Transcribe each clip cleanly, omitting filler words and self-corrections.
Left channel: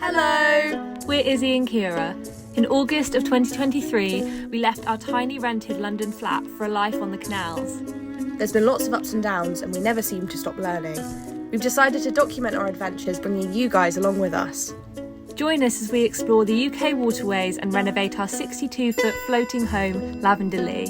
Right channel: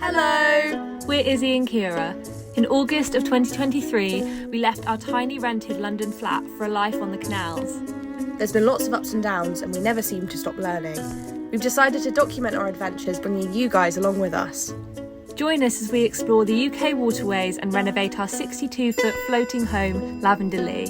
Hello! We're Izzie and Ciara. In August of 2023, we left our tiny rented London flat for a life on the canals. There's been lots of ups and downs, and we never seem to stop learning. We've decided to document our adventures, bringing you guys along with us. Join us as we explore the UK waterways and renovate our 62-foot floating home, Lavender Lee.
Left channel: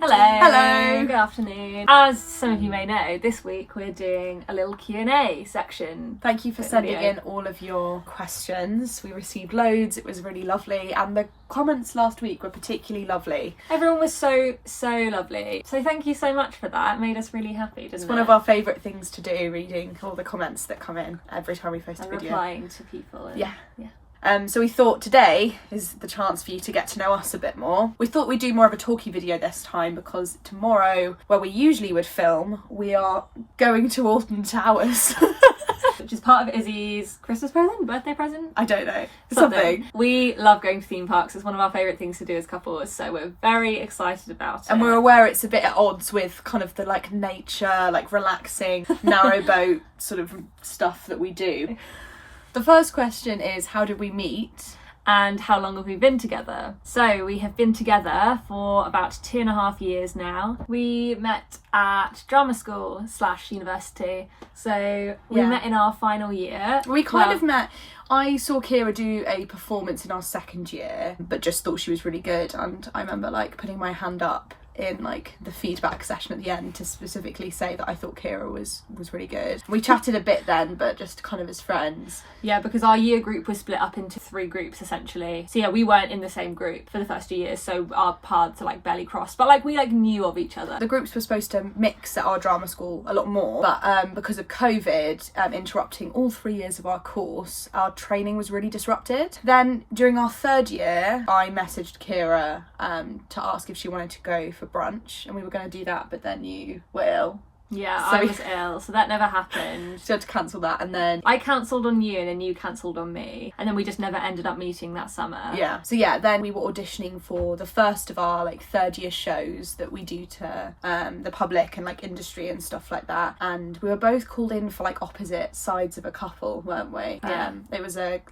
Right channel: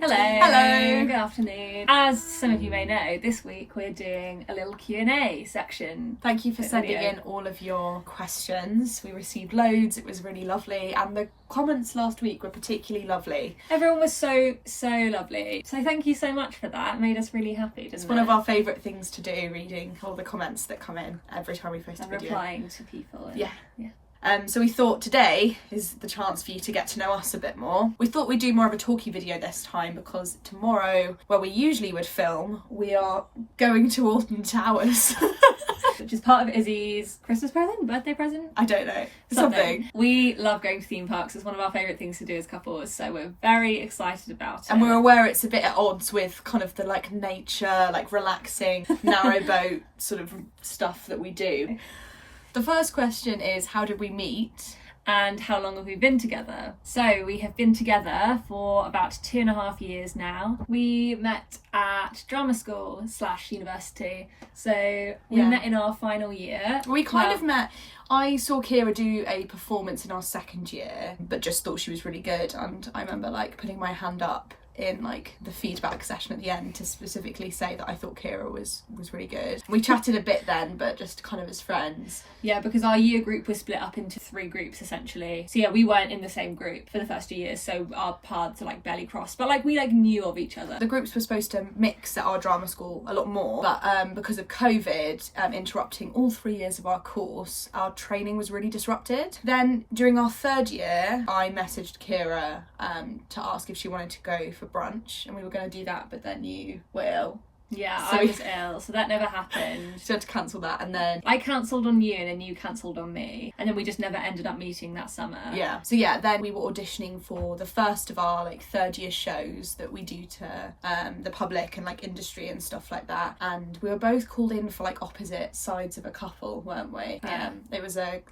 Hello. Hello. Good afternoon. As some of you may know, this week we're doing a little Q&A section. Thank you for sending in all of your questions. We received loads. It was really lovely, and the comments last week were particularly lovely. Everyone was so lovely. So thank you so much for that. It made us really happy, didn't it? It's one of our favourite things to do, reading all the comments that come in every time we post a video. Replying to people. Yeah. So we thought today is the chance for you to get to know us a bit more. We thought we'd do more of a talky video this time because tomorrow, where we usually would film, we are going to Alton Towers. Which is part of Izzie's Christmas present, birthday present? I don't know. Something. We love going to theme parks. It's one of our favourite things to do as couples, so we're very excited about it. And we're aware it's a bit at odds with kind of the like nature, like relaxing, narrowboat sort of stuff that we do. The first question is, how did we meet? And how long have we been together? So we have been together for about 2.5 years now. We met at drama school / university. So we met in our final year. We kind of met. I saw Ciara do a performance in our second year, but just thought she was really good. And I remember like putting my hand up in like the feedback session at the end to specifically say that I thought Ciara was really good. We chatted a bit then, but just kind of as friends. Yeah, because our year group was split up into 3 groups essentially. So yeah, we weren't in the same group for the first 2 years, so our paths are like barely crossed, but like we like knew of each other. The groups were supposed to mix at our drama school a lot more, but because of COVID interrupting all 3 years of our course, our training was really disrupted. Then during our 3rd year, I messaged Ciara to ask if she wanted to go for brunch, and we were going to do that, but then you were ill. Yeah, so I was ill, so that never happened. So I had to cancel that, and then I cancelled on you and then you cancelled on me, and then we just never ended up meeting that summer. Yeah, so yeah, then we were auditioning for the first of our like 3rd year shows that we do to the public and like industry and stuff like that, and we were both called in for like opposite sides of a couple, weren't we? It was a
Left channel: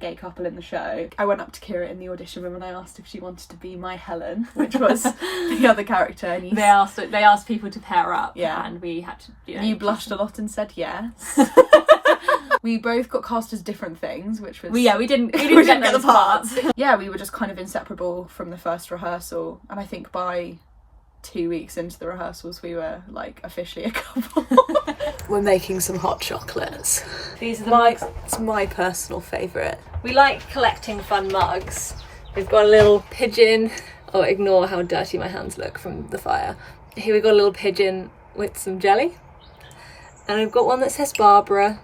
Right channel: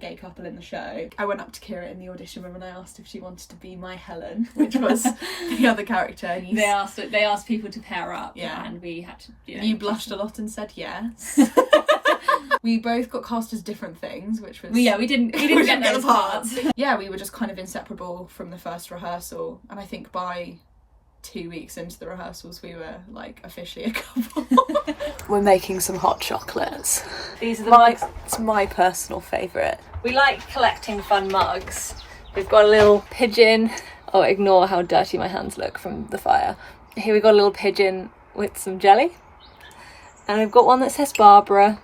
gay couple in the show. I went up to Ciara in the audition room and I asked if she wanted to be my Helen, which was the other character, and they asked people to pair up. Yeah. And we had to, you blushed a lot and said yes. We both got cast as different things, which was... we didn't get the parts. Yeah, we were just kind of inseparable from the first rehearsal, and I think by 2 weeks into the rehearsals we were like officially a couple. We're making some hot chocolates. These are the mugs. It's my personal favourite. We like collecting fun mugs. We've got a little pigeon. Oh, ignore how dirty my hands look from the fire. Here we've got a little pigeon with some jelly, and I've got one that says Barbara.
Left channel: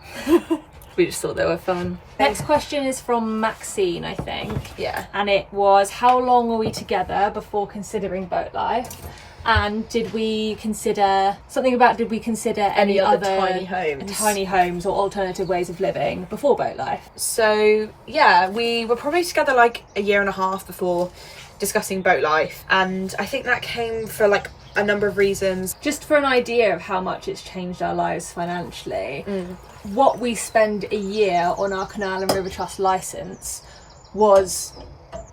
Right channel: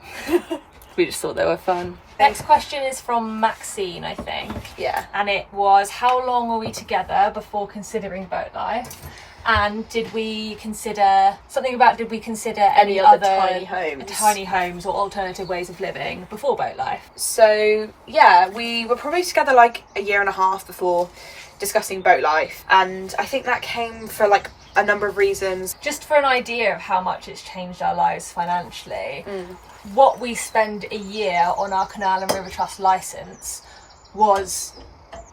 We just thought they were fun. Next question is from Maxine, I think. Yeah. And it was, how long were we together before considering boat life? And did we consider any other tiny homes or alternative ways of living before boat life? So yeah, we were probably together like 1.5 years before discussing boat life, and I think that came for like a number of reasons. Just for an idea of how much it's changed our lives financially, what we spend a year on our canal and river trust licence was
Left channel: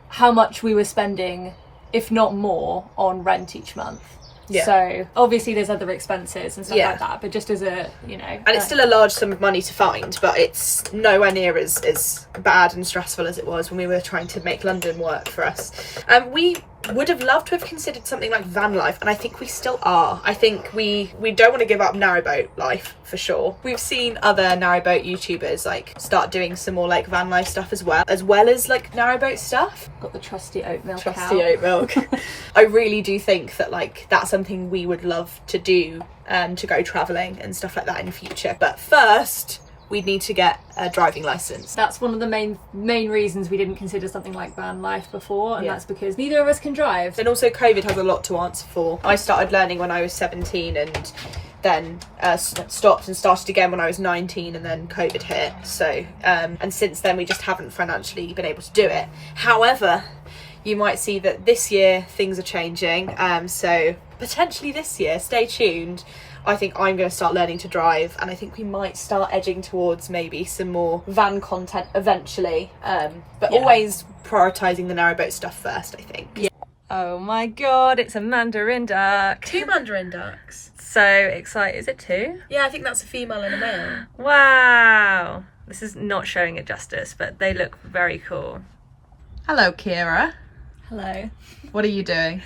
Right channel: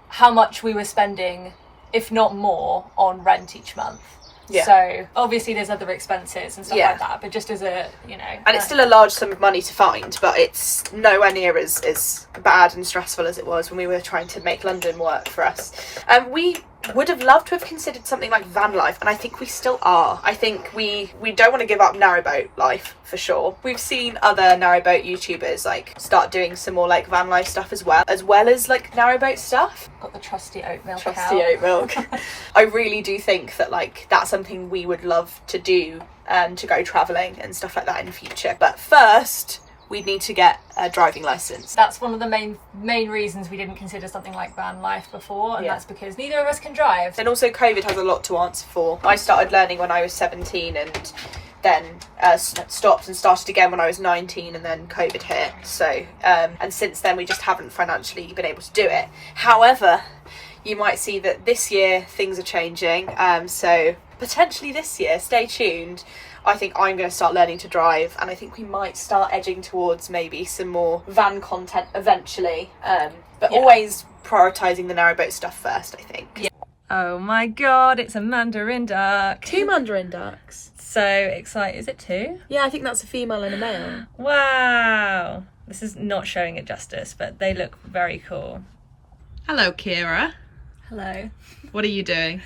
how much we were spending, if not more, on rent each month. Yeah. So obviously there's other expenses and stuff like that, but just as a, and it's still a large sum of money to find, but it's nowhere near as bad and stressful as it was when we were trying to make London work for us. We would have loved to have considered something like van life, and I think we still are. I think we don't want to give up narrowboat life for sure. We've seen other narrowboat YouTubers like start doing some more like van life stuff as well as like narrowboat stuff. Got the trusty oat milk. Oat milk. I really do think that like that's something we would love to do, to go travelling and stuff like that in the future. But first, we'd need to get a driving licence. That's one of the main reasons we didn't consider something like van life before, and that's because neither of us can drive. And also COVID has a lot to answer for. I started learning when I was 17 and then stopped and started again when I was 19, and then COVID hit. So and since then we just haven't financially been able to do it. However, you might see that this year things are changing, so potentially this year, stay tuned, I think I'm going to start learning to drive, and I think we might start edging towards maybe some more van content eventually, but always prioritising the narrowboat stuff first, I think. Yeah. Oh my god, it's a mandarin duck. 2 mandarin ducks. So excited. Is it 2? Yeah, I think that's a female and a male. Wow. This is not showing it justice, but they look very cool. Hello, Ciara. Hello. What are you doing?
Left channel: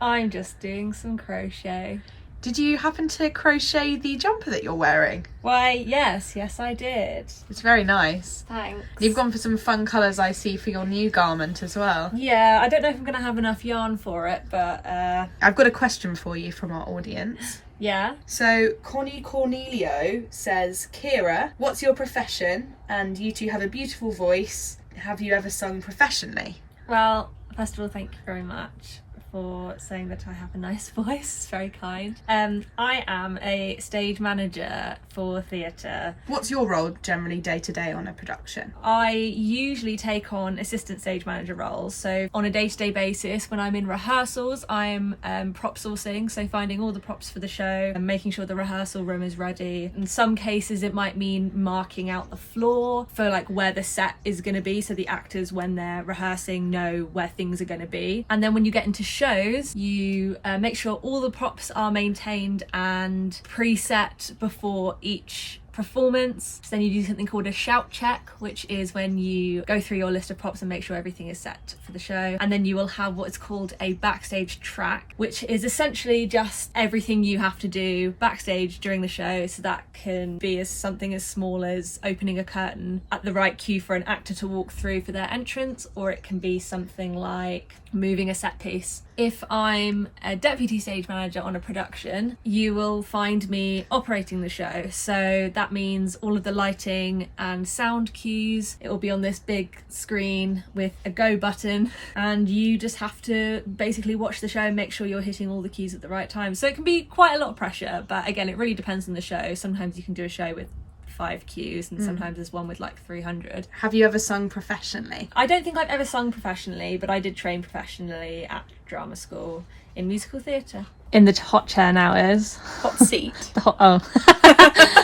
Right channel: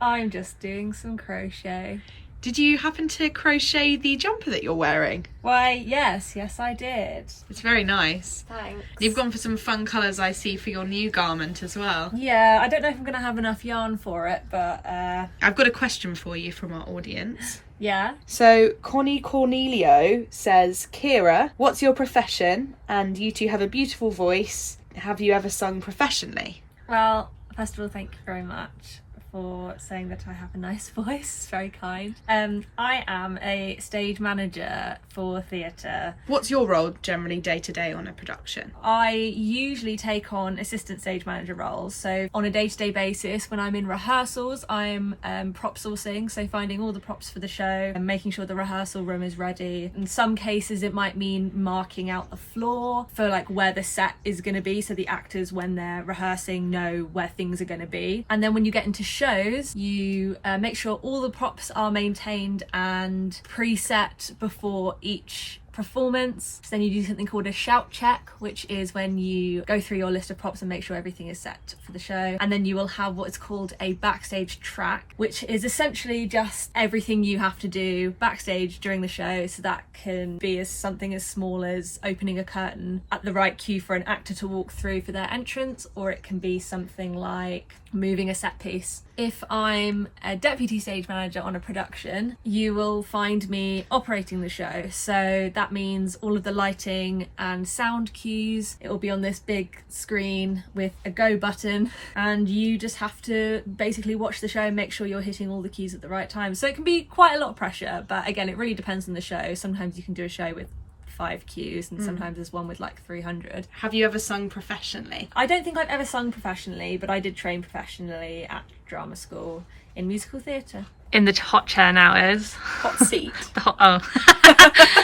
I'm just doing some crochet. Did you happen to crochet the jumper that you're wearing? Why, yes, I did. It's very nice. Thanks. You've gone for some fun colours, I see, for your new garment as well. Yeah, I don't know if I'm going to have enough yarn for it, but... I've got a question for you from our audience. Yeah? So, Connie Cornelio says, Ciara, what's your profession? And you two have a beautiful voice. Have you ever sung professionally? Well, first of all, thank you very much for saying that I have a nice voice. It's very kind. I am a stage manager for theatre. What's your role generally day to day on a production? I usually take on assistant stage manager roles. So on a day-to-day basis, when I'm in rehearsals, I'm prop sourcing, so finding all the props for the show and making sure the rehearsal room is ready. In some cases, it might mean marking out the floor for like where the set is going to be, so the actors, when they're rehearsing, know where things are going to be. And then when you get into shows, you make sure all the props are maintained and preset before each performance. So then you do something called a shout check, which is when you go through your list of props and make sure everything is set for the show. And then you will have what is called a backstage track, which is essentially just everything you have to do backstage during the show. So that can be something as small as opening a curtain at the right cue for an actor to walk through for their entrance, or it can be something like moving a set piece. If I'm a deputy stage manager on a production, you will find me operating the show. So that means all of the lighting and sound cues. It will be on this big screen with a go button, and you just have to basically watch the show and make sure you're hitting all the cues at the right time. So it can be quite a lot of pressure, but again, it really depends on the show. Sometimes you can do a show with 5 cues and sometimes there's one with like 300. Have you ever sung professionally? I don't think I've ever sung professionally, but I did train professionally at drama school in musical theatre. In the hot chair now is Hot seat.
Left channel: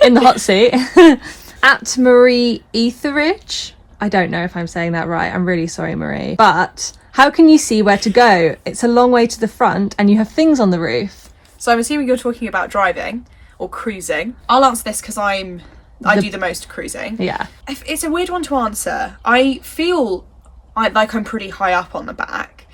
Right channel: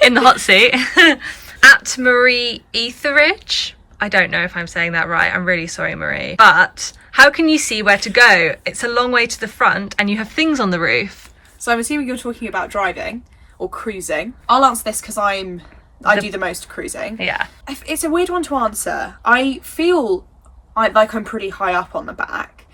In the hot seat. At Marie Etheridge. I don't know if I'm saying that right. I'm really sorry, Marie. But how can you see where to go? It's a long way to the front and you have things on the roof. So I'm assuming you're talking about driving or cruising. I'll answer this because I do the most cruising. Yeah. It's a weird one to answer. I feel like I'm pretty high up on the back,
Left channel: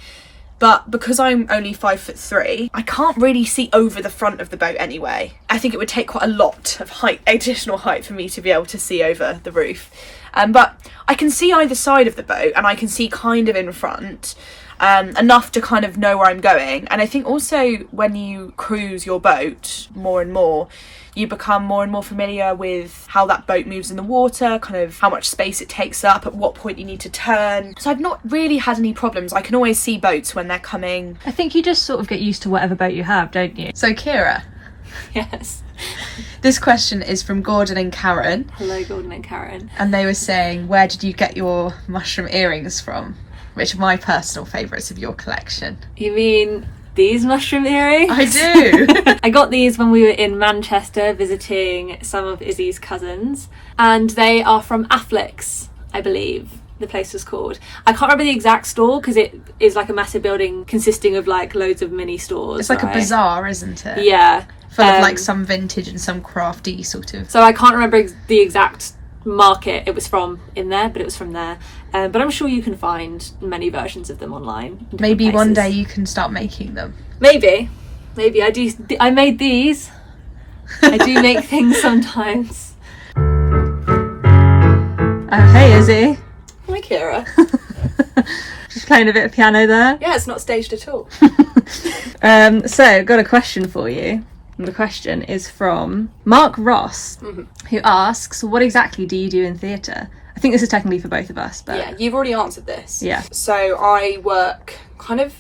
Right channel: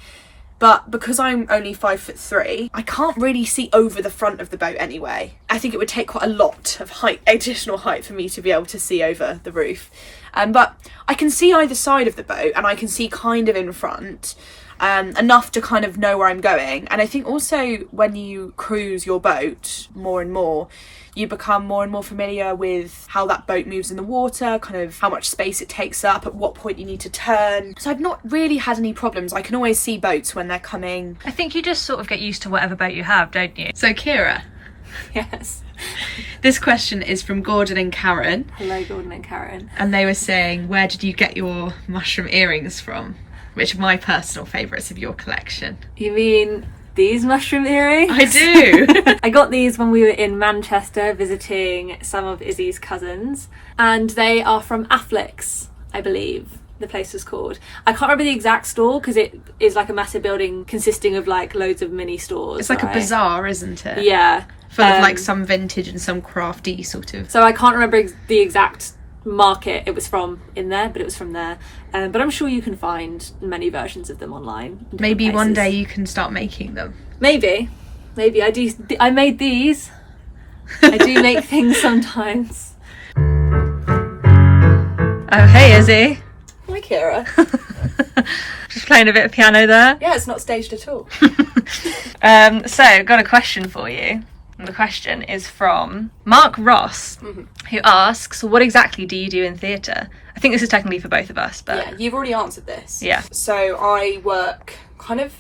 but because I'm only 5'3", I can't really see over the front of the boat anyway. I think it would take quite a lot of additional height for me to be able to see over the roof. But I can see either side of the boat and I can see kind of in front. Enough to kind of know where I'm going. And I think also when you cruise your boat more and more, you become more and more familiar with how that boat moves in the water, kind of how much space it takes up, at what point you need to turn. So I've not really had any problems. I can always see boats when they're coming. I think you just sort of get used to whatever boat you have, don't you? So, Ciara. Yes. This question is from Gordon and Karen. Hello, Gordon and Karen. And they were saying, where did you get your mushroom earrings from? Which are my personal favourites of your collection. You mean these mushroom earrings? I do. I got these when we were in Manchester visiting some of Izzie's cousins, and they are from Afflex, I believe the place was called. I can't remember the exact store because it is like a massive building consisting of like loads of mini stores. It's like a bazaar, isn't it? Yeah. Full of like some vintage and some crafty sort of. So I can't remember the exact market it was from in there, but it was from there. But I'm sure you can find many versions of them online. Maybe one day you can start making them. Maybe I do. I made these. I do make things sometimes. Oh, hey, Izzie. Hi, Ciara. Just playing a bit of piano there. Yeah, it's not staged at all. So, got a question for you. And the question is from Mark Ross, who asks, what exactly do you do in theatre? I think this is technically for both of us, but... Yeah, you've already answered this. Yeah. So I work kind of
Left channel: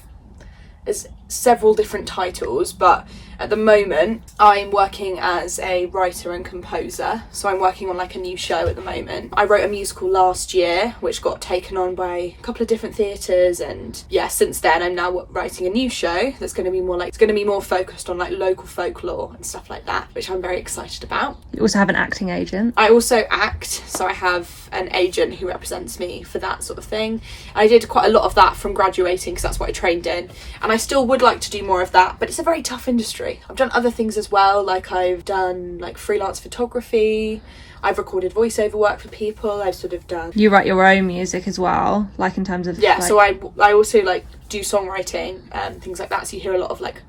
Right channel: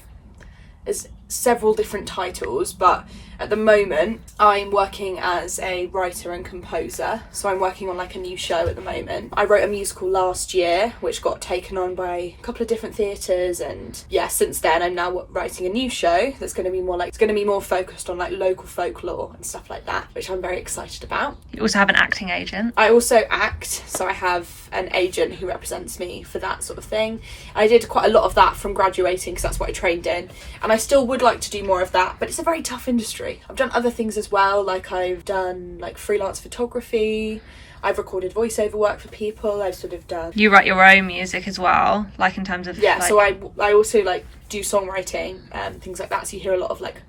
as several different titles, but At the moment, I'm working as a writer and composer, so I'm working on like a new show at the moment. I wrote a musical last year, which got taken on by a couple of different theatres, and yeah, since then I'm now writing a new show that's going to be more focused on like local folklore and stuff like that, which I'm very excited about. You also have an acting agent. I also act, so I have an agent who represents me for that sort of thing. I did quite a lot of that from graduating because that's what I trained in, and I still would like to do more of that, but it's a very tough industry. I've done other things as well, like I've done like freelance photography, I've recorded voiceover work for people, I've sort of done... You write your own music as well, like in terms of... Yeah, like... so I also like do songwriting and things like that, so you hear a lot of like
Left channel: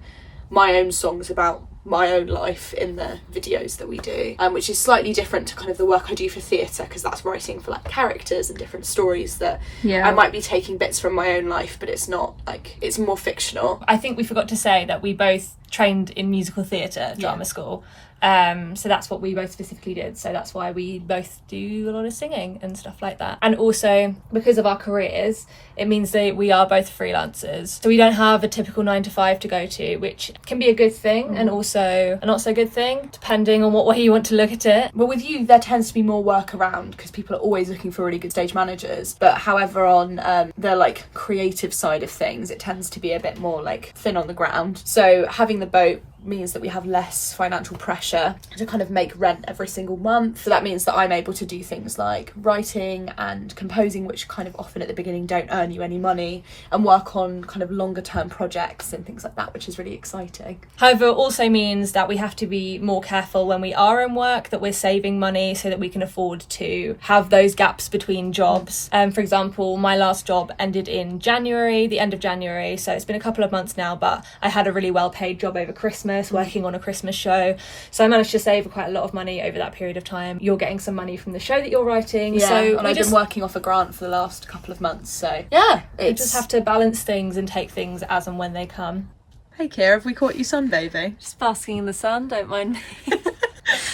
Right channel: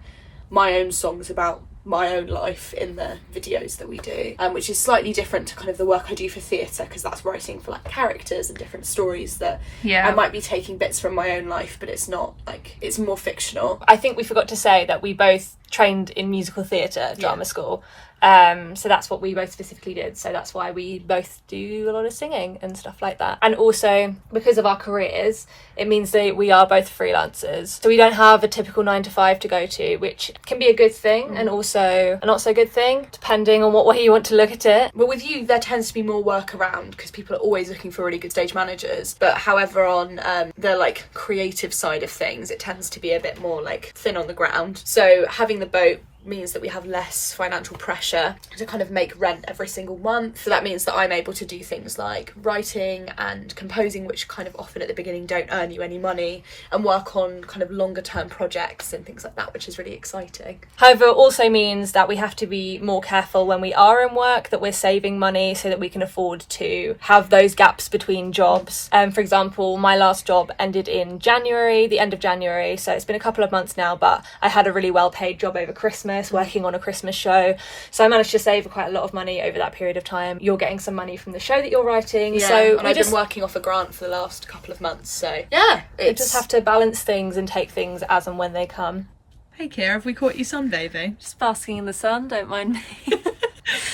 my own songs about my own life in the videos that we do, which is slightly different to kind of the work I do for theatre, because that's writing for like characters and different stories that I might be taking bits from my own life, but it's not like, it's more fictional. I think we forgot to say that we both trained in musical theatre drama school, so that's what we both specifically did, so that's why we both do a lot of singing and stuff like that. And also because of our careers, it means that we are both freelancers, so we don't have a typical 9 to 5 to go to, which can be a good thing and also a not so good thing, depending on what way you want to look at it. But with you, there tends to be more work around because people are always looking for really good stage managers, but however on the like creative side of things, it tends to be a bit more like thin on the ground. So having the boat means that we have less financial pressure to kind of make rent every single month. So that means that I'm able to do things like writing and composing, which kind of often at the beginning don't earn you any money, and work on kind of longer term projects and things like that, which is really exciting. However, it also means that we have to be more careful when we are in work, that we're saving money so that we can afford to have those gaps between jobs. For example, my last job ended in January, the end of January, so it's been a couple of months now, but I had a really well paid job over Christmas working on a Christmas show, so I managed to save quite a lot of money over that period of time. You're getting some money from the show that you're writing, so and I've been working off a grant for the last couple of months, so yeah, we just have to balance things and take things as and when they come. Hey Ciara, have we caught you sunbathing? Just basking in the sun, don't mind me.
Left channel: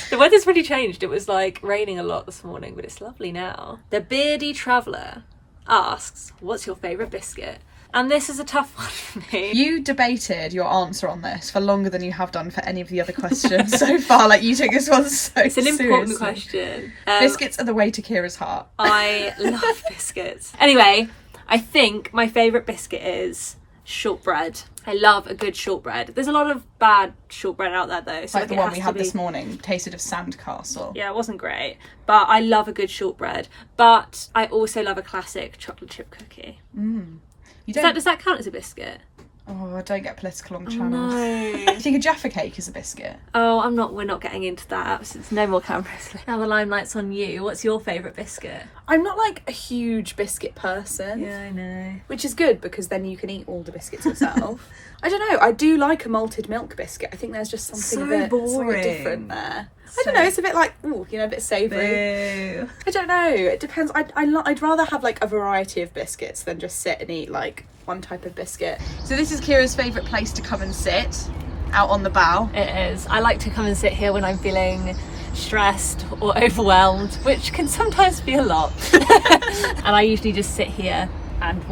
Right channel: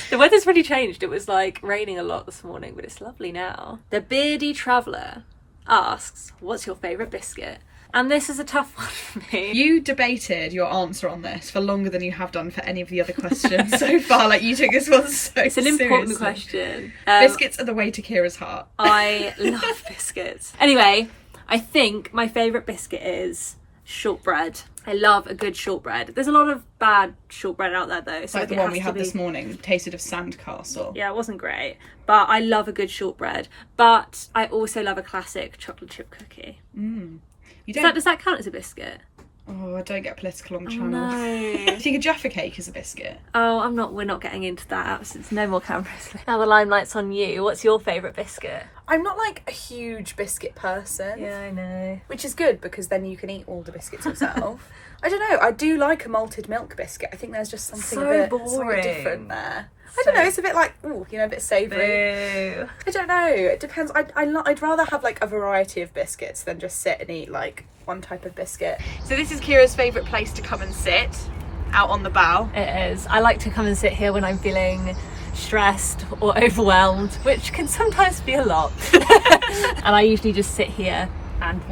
The weather's really changed. It was like raining a lot this morning, but it's lovely now. The Beardy Traveller asks, what's your favourite biscuit? And this is a tough one for me. You debated your answer on this for longer than you have done for any of the other questions so far. Like, you took this one so It's an important seriously. question. Biscuits are the way to Ciara's heart. I love biscuits. Anyway, I think my favourite biscuit is shortbread. I love a good shortbread. There's a lot of bad shortbread out there though. So like the one we had this morning, tasted of Sandcastle. Yeah, it wasn't great, but I love a good shortbread. But I also love a classic chocolate chip cookie. Does that count as a biscuit? Oh, I don't get political on channels. No. Do you think a Jaffa cake is a biscuit? Oh, we're not getting into that. Since no more cameras. Now the limelight's on you. What's your favourite biscuit? I'm not like a huge biscuit person. Yeah, I know. Which is good because then you can eat all the biscuits yourself. I don't know, I do like a malted milk biscuit. I think there's just something So a bit boring. different there. I don't know, it's a bit like, ooh, you know, a bit savoury. Boo. I don't know, it depends. I'd rather have like a variety of biscuits than just sit and eat like one type of biscuit. So this is Ciara's favourite place to come and sit, out on the bow. It is. I like to come and sit here when I'm feeling stressed or overwhelmed, which can sometimes be a lot. And I usually just sit here and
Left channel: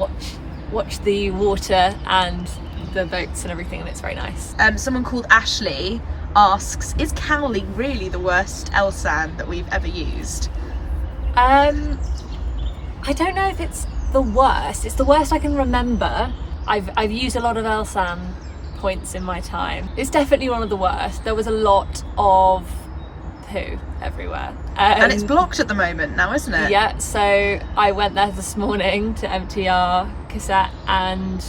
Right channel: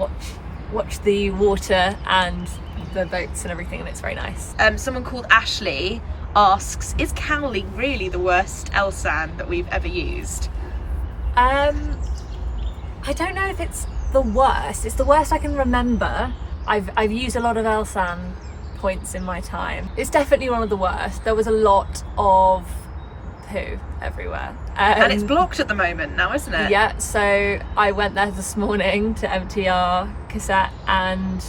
watch the water and the boats and everything, and it's very nice. Someone called Ashley asks, is canalling really the worst Elsan that we've ever used? I don't know if it's the worst. It's the worst I can remember. I've used a lot of Elsan points in my time. It's definitely one of the worst. There was a lot of poo everywhere. And it's blocked at the moment now, isn't it? Yeah, so I went there this morning to empty our cassette and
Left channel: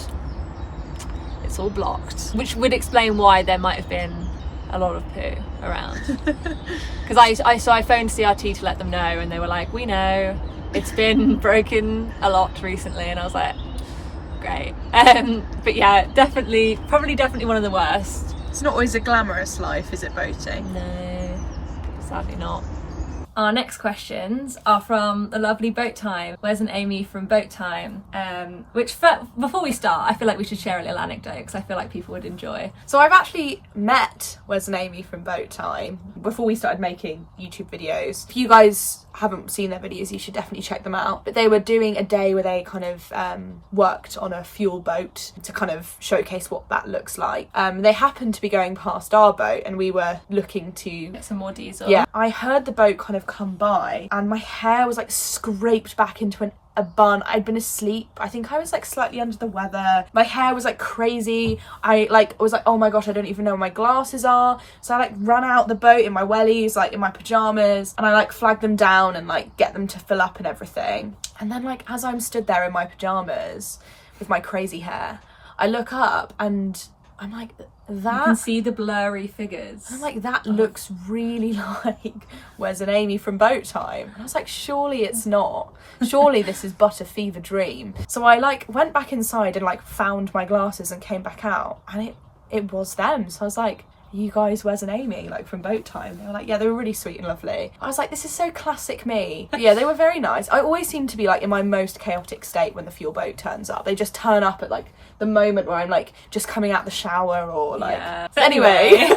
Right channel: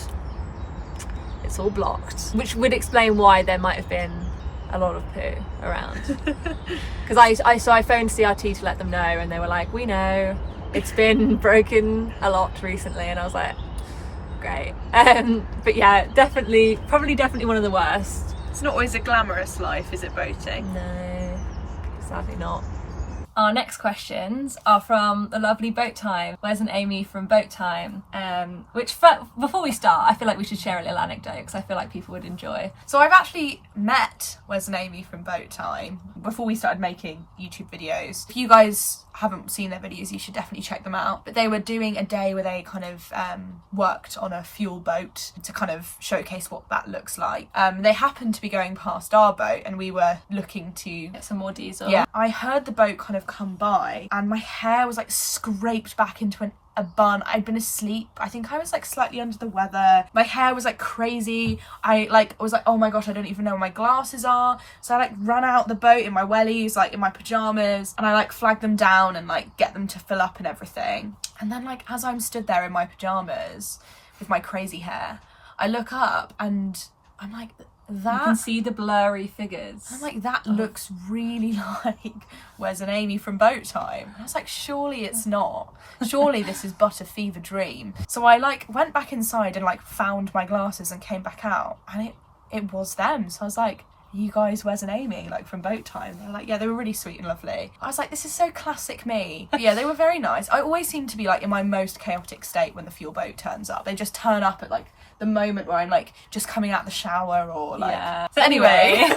it's all blocked, which would explain why there might have been a lot of poo around. Because I phoned CRT to let them know, and they were like, we know, it's been broken a lot recently, and I was like, great. But yeah, probably definitely one of the worst. It's not always a glamorous life, is it, boating? No, sadly not. Our next questions are from the lovely Boat Time. Wes and Amy from Boat Time. Before we start, I feel like we should share a little anecdote because I feel like people would enjoy. So I've actually met Wes and Amy from Boat Time before we started making YouTube videos. If you guys haven't seen their videos, you should definitely check them out. But they were doing a day where they kind of worked on a fuel boat to kind of showcase what that looks like. They happened to be going past our boat and we were looking to Get some more diesel. yeah, I heard the boat kind of come by and my hair was like scraped back into a bun. I'd been asleep. I think I was like slightly under the weather. My hair was like crazy. I was like, oh my gosh, I don't even know where my glasses are. So I like ran out the boat in my wellies, like in my pajamas, and I like flagged them down and like get them to fill up and everything. And then like as I'm stood there in my pajamas with my crazy hair, I look up and I'm like, You that can see the blurry figures. I'm like, that looks really like Wes and Amy from Boat Time. And I was like, surely it's not. Surely this is but a fever dream. So I like went back inside and like found my glasses and came back out, and it was them. So I was like, you guys Wes and Amy, like from Boat Time? They were like, yeah, they were really sweet and lovely. I was like, this is so classic me. But yeah, they were very nice. I always seem to be like in my most chaotic state when the fuel boat turns up. They just turn up at like the moment where I'm like just coming out the shower or like So anyway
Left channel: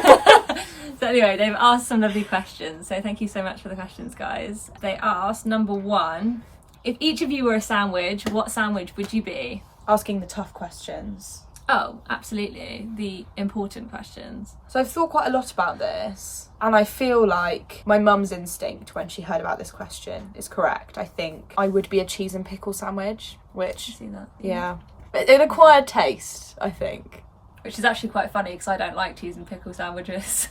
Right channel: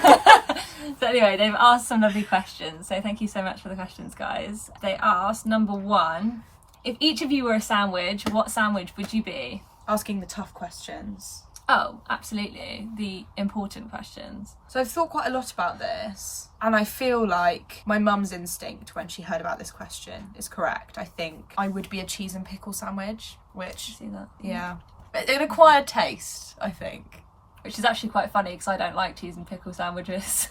they've asked some lovely questions, so thank you so much for the questions, guys. They asked, number 1, if each of you were a sandwich, what sandwich would you be? asking the tough questions. Oh, absolutely, the important questions. So I've thought quite a lot about this, and I feel like my mum's instinct when she heard about this question is correct. I think I would be a cheese and pickle sandwich, which, See that? yeah, an acquired taste, I think. Which is actually quite funny because I don't like cheese and pickle sandwiches.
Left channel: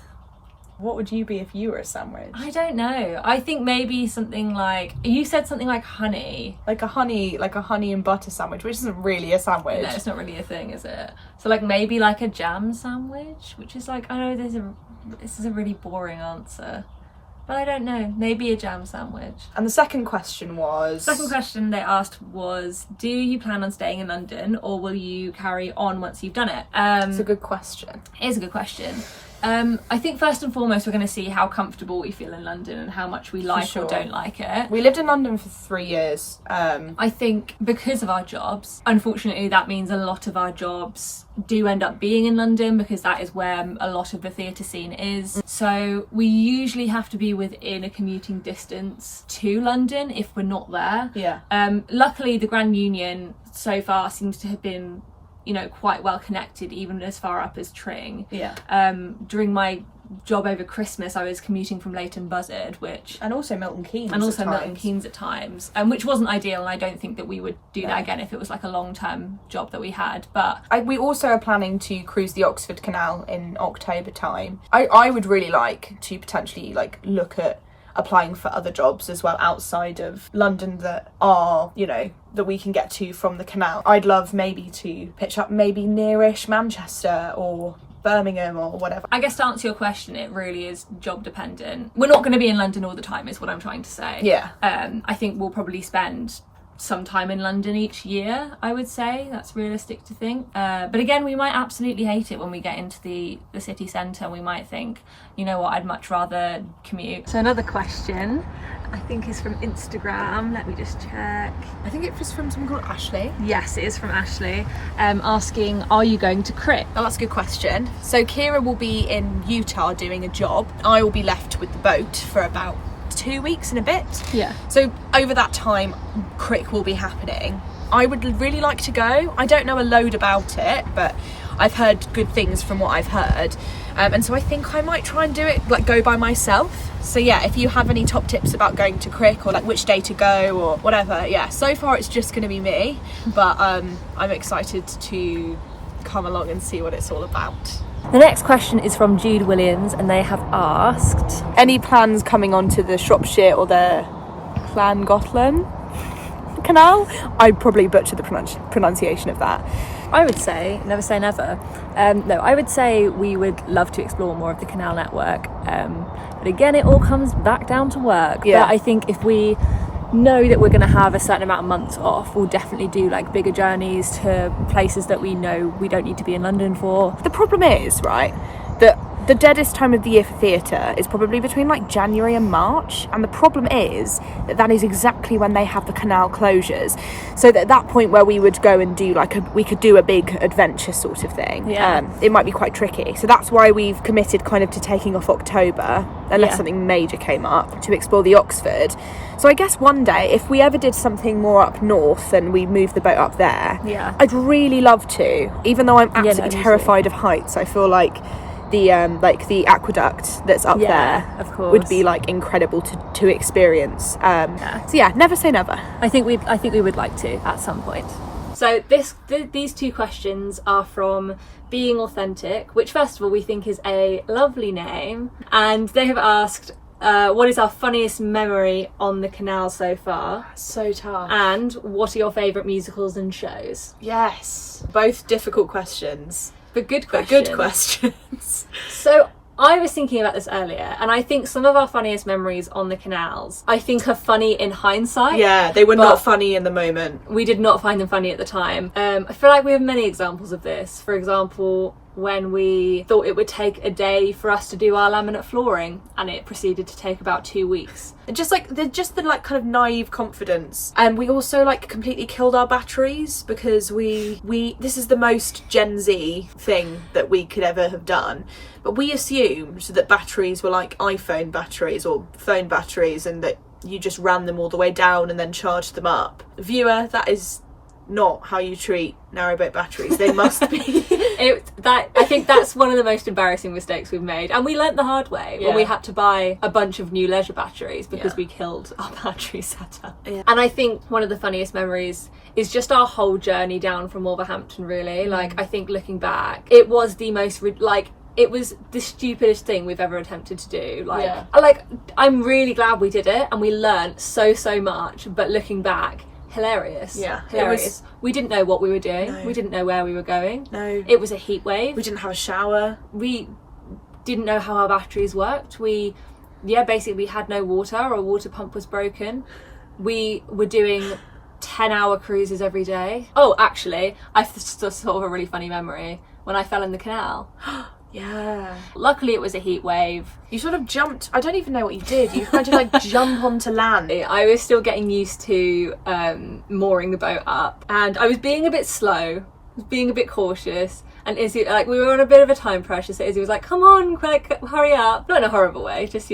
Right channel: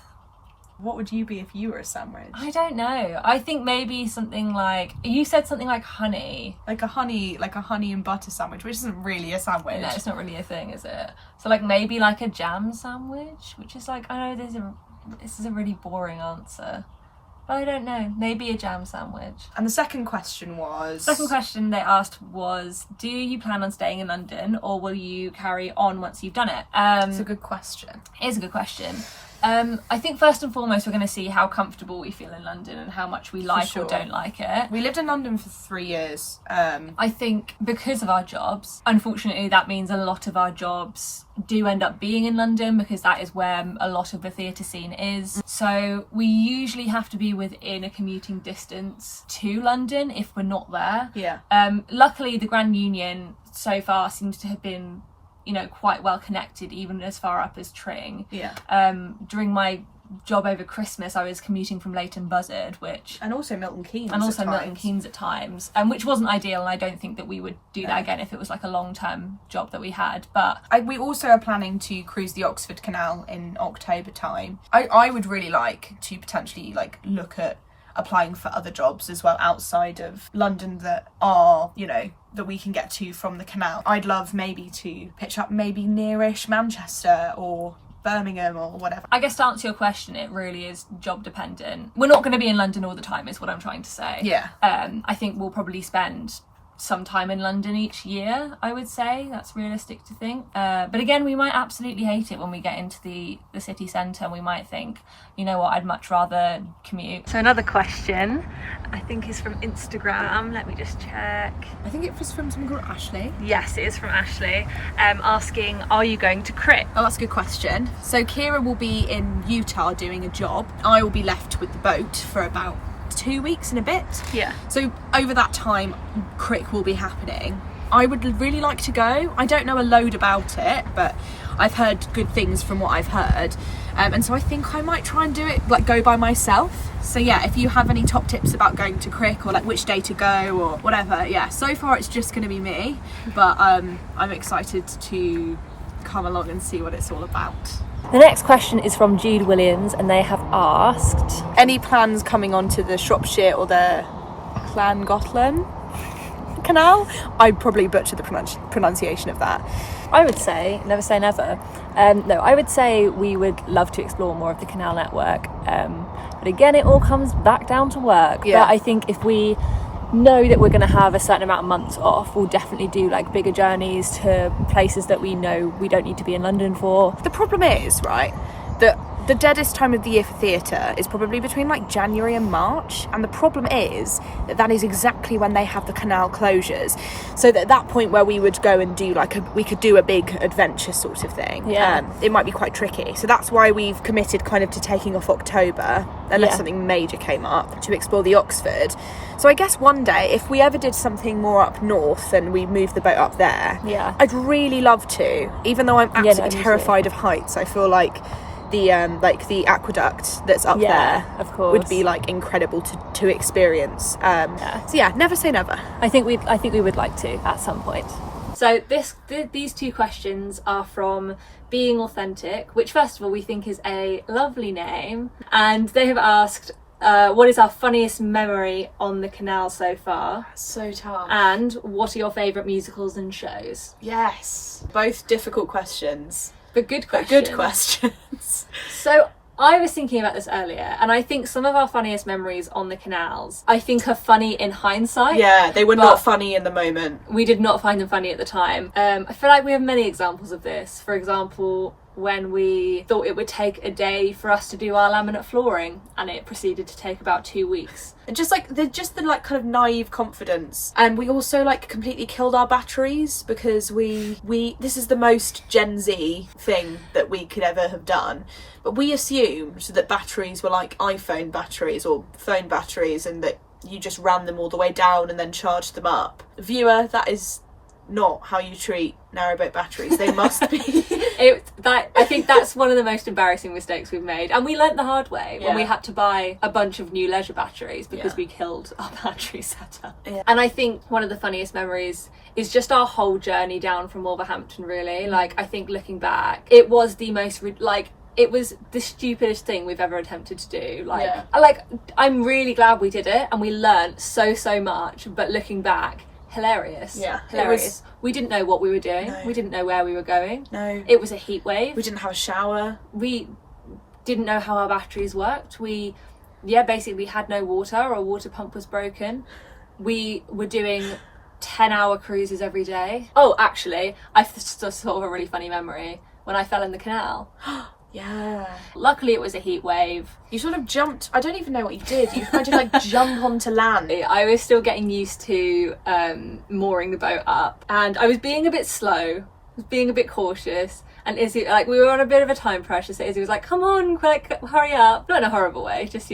What would you be if you were a sandwich? I don't know. I think maybe something like, you said something like honey. Like a honey and butter sandwich, which isn't really a sandwich. No, it's not really a thing, is it? So like maybe like a jam sandwich, which is like, I know this is a really boring answer, but I don't know. Maybe a jam sandwich. And the second question was... Second question they asked was, do you plan on staying in London or will you carry on once you've done it? It's a good question. It is a good question. I think first and foremost we're going to see how comfortable we feel in London and how much we like sure. or don't like it. We lived in London for 3 years. I think because of our jobs, unfortunately that means a lot of our jobs do end up being in London because that is where a lot of the theatre scene is. So we usually have to be within a commuting distance to London if we're not there. Yeah. Luckily the Grand Union so far seems to have been, you know, quite well connected, even as far up as Tring. Yeah. During my job over Christmas I was commuting from Leighton Buzzard, which And also Milton Keynes at times, which wasn't ideal, and I don't think that we would do that again if it was like a long-term job that we had. But we also are planning to cruise the Oxford Canal in October time. I would really like to potentially like look at applying for other jobs as well outside of London that are, you know, that we can get to from the canal. I'd love maybe to pitch up maybe nearish Manchester or Birmingham or whatever. I guess to answer your question, it really is job dependent. We're not going to be in London all the time is what I'm trying to say. Yeah. I think we'll probably spend some time in London each year, I would say. That's realistic to think. But again, we might absolutely hate it when we get into the city centre, and we might think, you know what, I'd much rather commute. So another question, I think is from Instagram. Let me just check. I think it was from someone called Ashley. Yes, it is from Ashley, asking, are you going to Crick? Oh, that's a good question. So Ciara will be in Utah doing a job. I will be left with the boat for about 2 weeks and a bit. Yeah. So over that time, Crick will be happening. I would really like to go. I don't know a load about it, but I've heard good things from what I've heard. And so I think I might try and do it, like go by myself. So yeah, if you have any top tips about going to Crick or like which day to go or whatever, yeah, so far it's just going to be me. But I'm excited to come along and see what it's all about. The next question is from Jude Williams, and they have asked, Any plans coming onto the Shropshire or the Llangollen Canal? I probably butchered the pronunciation of that. I would say, never say never. No, I would say we would love to explore more of the canal network. But again, it all comes back down to work. Yeah. But I think if we know that we're going to have a certain amount of months off, we'll definitely do like bigger journeys to places that we know we don't need to be in London for. The problem is, right, that The deadest time of the year for theatre is probably between like January and March, and the problem is that is exactly when they have the canal closures. So that at that point where we would go and do we could do a big adventure sort of thing. It might be quite tricky. So that's why we've committed kind of to taking off October, unless something major came up, to explore the Oxford. So I guess one day, if we ever did something more up north and we moved the boat up there, I'd really love to. Even though I'm absolutely terrified of heights, I feel like the aqueduct that's up there, of course, would be like incredible to experience. So yeah, never say never. I think we would like to at some point. So these two questions are from Being Authentic, which first of all we think is a lovely name, and they have asked, what is our funniest memory on the canal so far? So tough. And what are your favourite musicals and shows? Yes, both difficult questions. But good questions. So I was thinking about this earlier, and I think some of our funniest memories on the canals, I think, are funny in hindsight. Yeah, they were not funny in the moment. We did not find them funny at the time. I feel like we have many examples of this. For example, when we thought it would take a day for us to do our laminate flooring, and it proceeded to take about 2 weeks. And just the kind of naive confidence. And we also like completely killed our batteries, because we this is the most Gen Z thing that we could ever have done. But we assumed that batteries were like iPhone batteries or phone batteries, and that you just ran them all the way down and then charged them up. Viewer, that is not how you treat narrowboat batteries. They must be. I think that's one of the most embarrassing mistakes we've made, and we learnt the hard way when we had to buy a bunch of new leisure batteries because we killed our battery setup. And I think one of the funniest memories is just our whole journey down from Wolverhampton, really. Like, I think looking back, it was the most it was the stupidest thing we've ever attempted to do. I'm really glad we did it, and we learnt so much, but looking back, hilarious. Hilarious. We didn't know what we were doing. No. We didn't know where we were going. No. It was a heat wave. We didn't have a shower. We didn't know how our batteries worked. Basically we had no water. Our water pump was broken. We were doing 10-hour cruises every day. Oh, actually, I just thought of a really funny memory when I fell in the canal. Yeah. Luckily it was a heat wave. You sort of jumped. I don't even know what you did. You tried to jump onto land. I was still getting used to mooring the boat up, and I was being a bit slow, being a bit cautious. And Izzie, we were on a bit of a time pressure, so Izzie was like, "Come on, quick, hurry up!" Not in a horrible way, just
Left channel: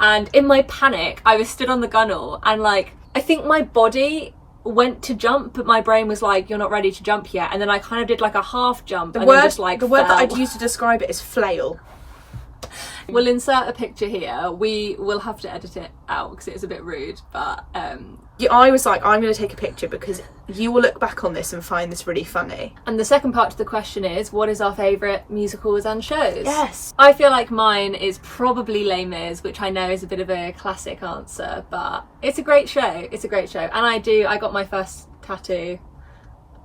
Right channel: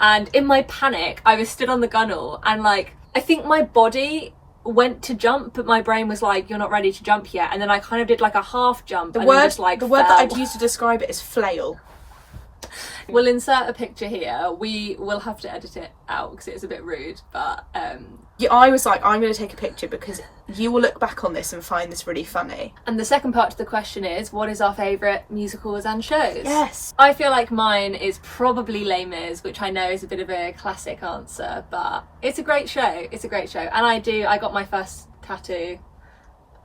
And in my panic, I was stood on the gunnel, and I think my body went to jump, but my brain was like, "You're not ready to jump yet." And then I kind of did a half jump. The word that I'd use to describe it is flail. We'll insert a picture here. We will have to edit it out because it's a bit rude, but I was like, I'm going to take a picture because you will look back on this and find this really funny. And the second part to the question is, what is our favourite musicals and shows? Yes. I feel like mine is probably Les Mis, which I know is a bit of a classic answer, but it's a great show. It's a great show. And I got my first tattoo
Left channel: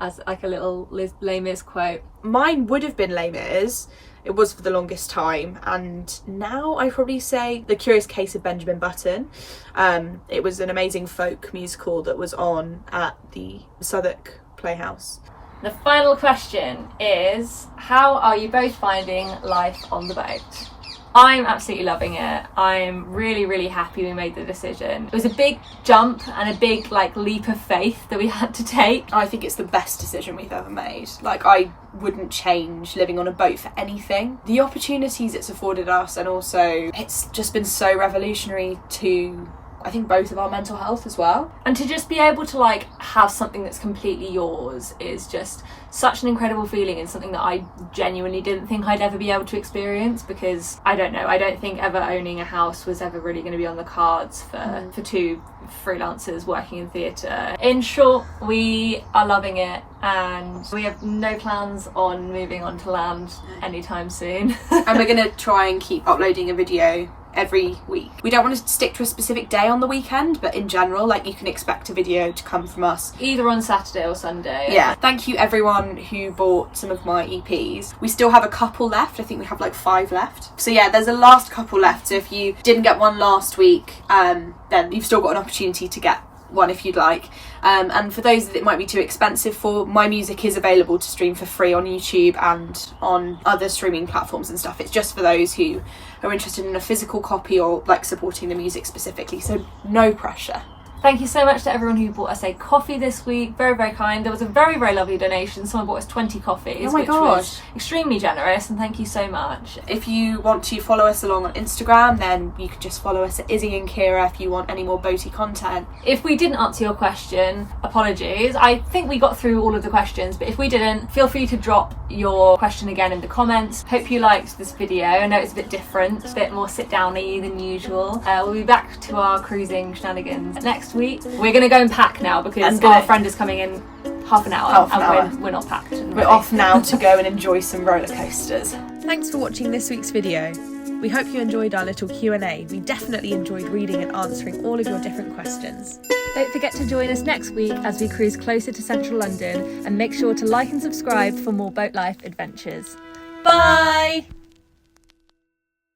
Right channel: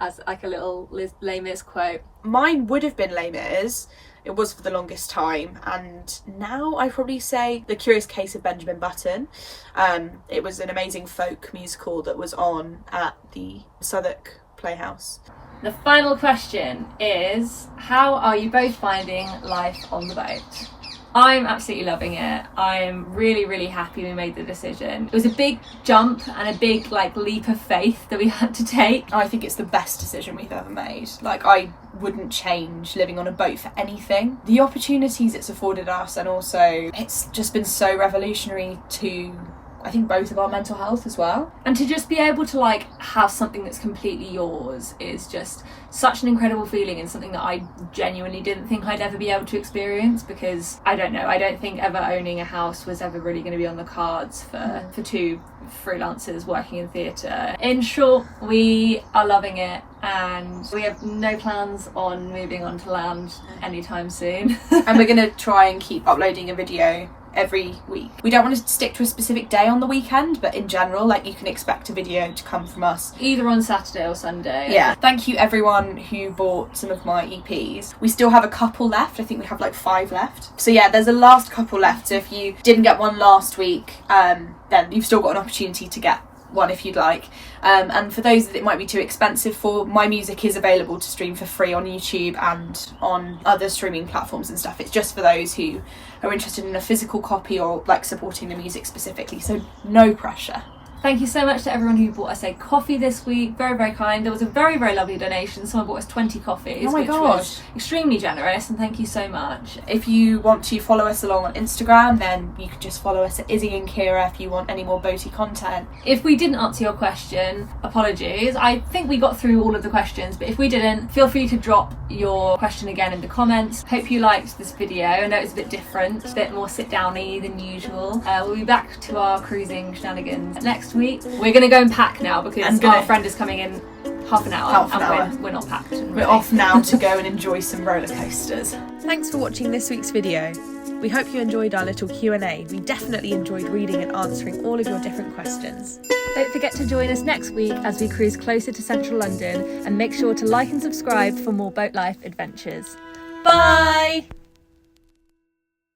as a little Les Mis quote. Mine would have been Les Mis. It was for the longest time, and now I probably say The Curious Case of Benjamin Button. It was an amazing folk musical that was on at the Southwark Playhouse. The final question is, how are you both finding life on the boat? I'm absolutely loving it. I'm really happy we made the decision. It was a big jump and a big leap of faith that we had to take. I think it's the best decision we've ever made. I wouldn't change living on a boat for anything. The opportunities it's afforded us, and also it's just been so revolutionary to, I think, both of our mental health as well. And to just be able to have something that's completely yours is just such an incredible feeling, and something that I genuinely didn't think I'd ever be able to experience, because I don't think ever owning a house was ever really going to be on the cards for two freelancers working in theatre. In short, we are loving it, and we have no plans on moving onto land anytime soon. And we're going to try and keep uploading a video every week. We don't want to stick to a specific day on the weekend, but in general, you can expect a video to come from us either on Saturday or Sunday. Yeah. Thank you everyone who bought some of my EPs. We still have a couple left. I think we have 5 left. So yeah, there's a last couple left. So if you didn't get one last week, then you've still got an opportunity to get one if you'd like. And for those that it might be too expensive for, my music is available to stream for free on YouTube and on other streaming platforms and stuff. It's just for those who are interested in a physical copy or like supporting the music specifically, so no pressure. Thank you so much to everyone who bought us a coffee this week. Very, very kind. There was a very, very lovely donation. Someone bought us 20 coffees, Oh my which gosh. was extremely generous, and thank you so much. If you want to follow us along on Instagram, then you can just follow us at Izzie and Ciara if you want any more boaty content. If we didn't answer your question, apologies. I think we got through all of the questions, but if we didn't, feel free to drop your question again in the comments. Hope you liked this video. I know it's a bit different, a bit more sit-downy than usual. We'll be back to our cruising shenanigans next week. We're going to go and pack now because our friend is coming in half an hour. We're not packed. We're off now to go and enjoy some roller coasters. Thanks for watching this week's video. We hope you enjoyed our little Q&A. We definitely enjoyed reading and answering all of your different questions. Don't forget to join us next week as we cruise closer to central London, and make sure to like and subscribe for more boat life adventures. Bye!